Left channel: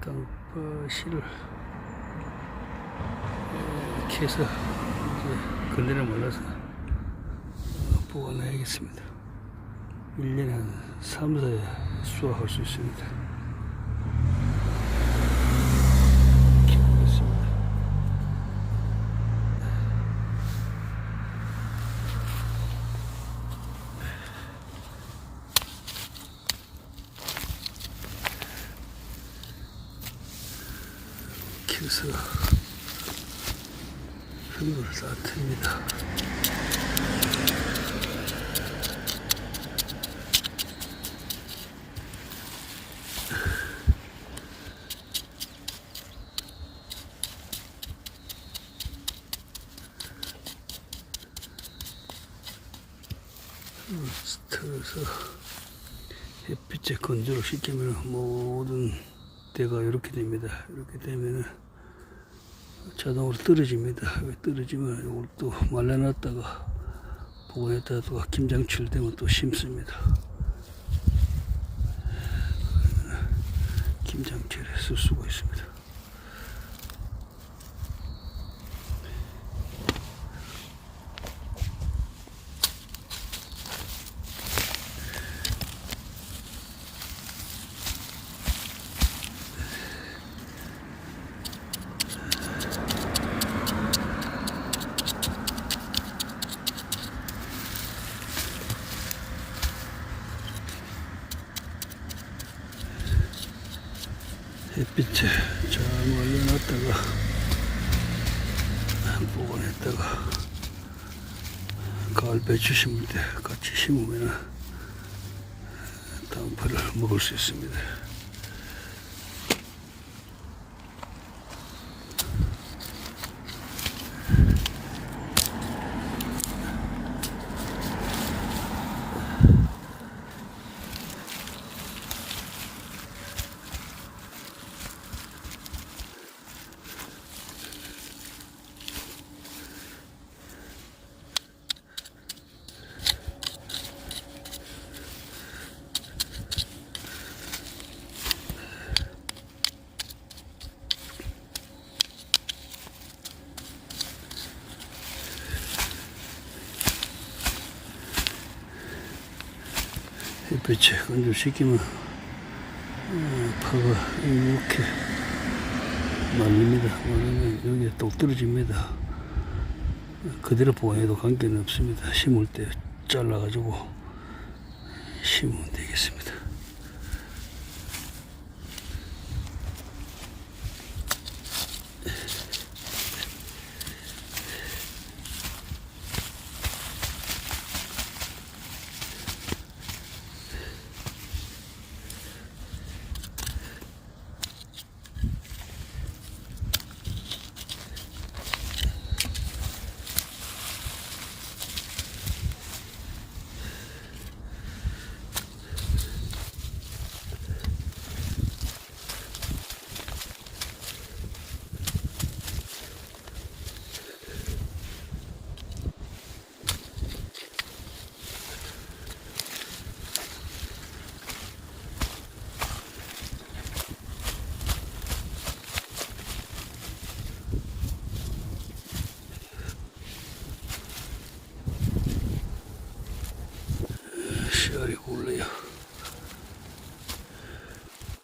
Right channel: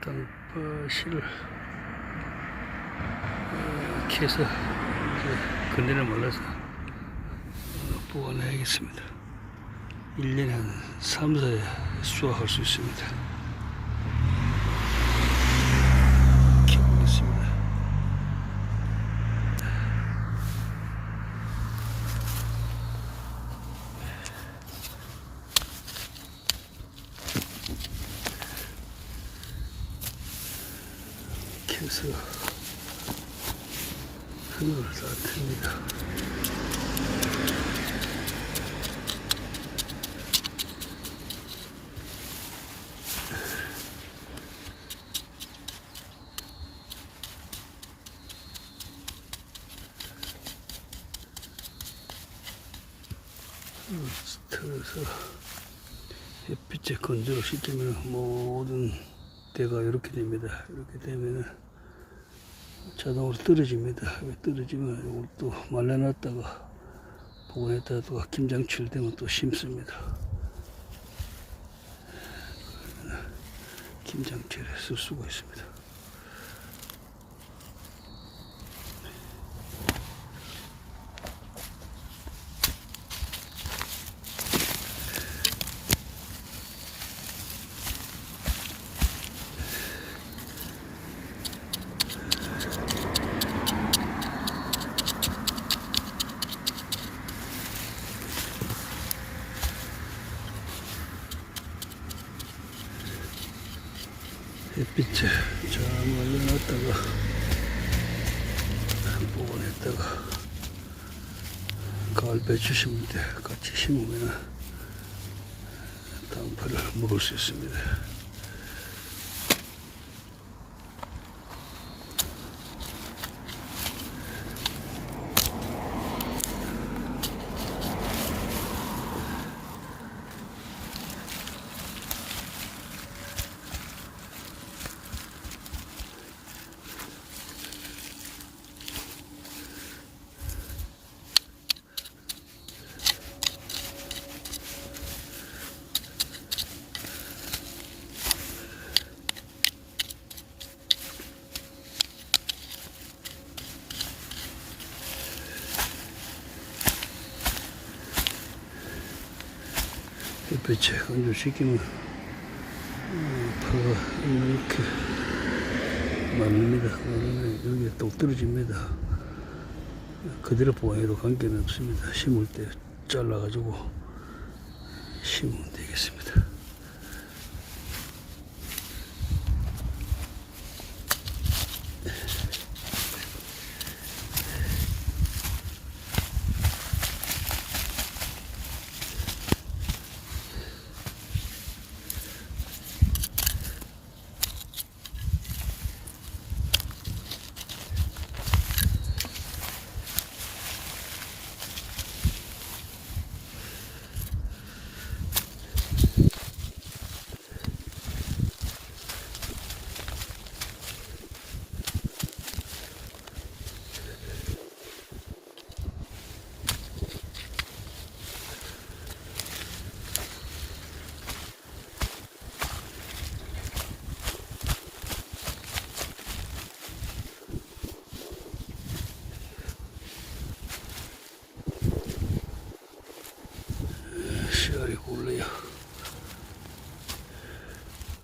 땅파실을 이렇게 해서 이제 건드려 몰라서 어, 보관해야겠습니다. 1년에 한 3, 4회 수확할 수 있습니다. 이렇게 보겠습니다. 해서 흙을 쌓습니다. 스트에서 햇빛에 건조를 시키면 모든 데가 이렇게 됩니다. 이렇게 되면은 자동으로 떨어집니다. 왜 떨어지면 이걸 또 말려놨다가 보관했다가 또 김장칠 되면 또 심습니다. 김장철에 쓸 수가 있습니다. 햇빛에 잘 말려놨다가 보관했다가 가을 배추 심을 때 같이 심으면 당파를 먹을 수 있습니다. 햇빛에 건조 시키면 어, 파가 이렇게 말립니다. 말르면 여기에 똑 떨어집니다. 그대로 보관해도 관계는 없습니다. 심을 때 잘라가지고 심으면 되겠습니다.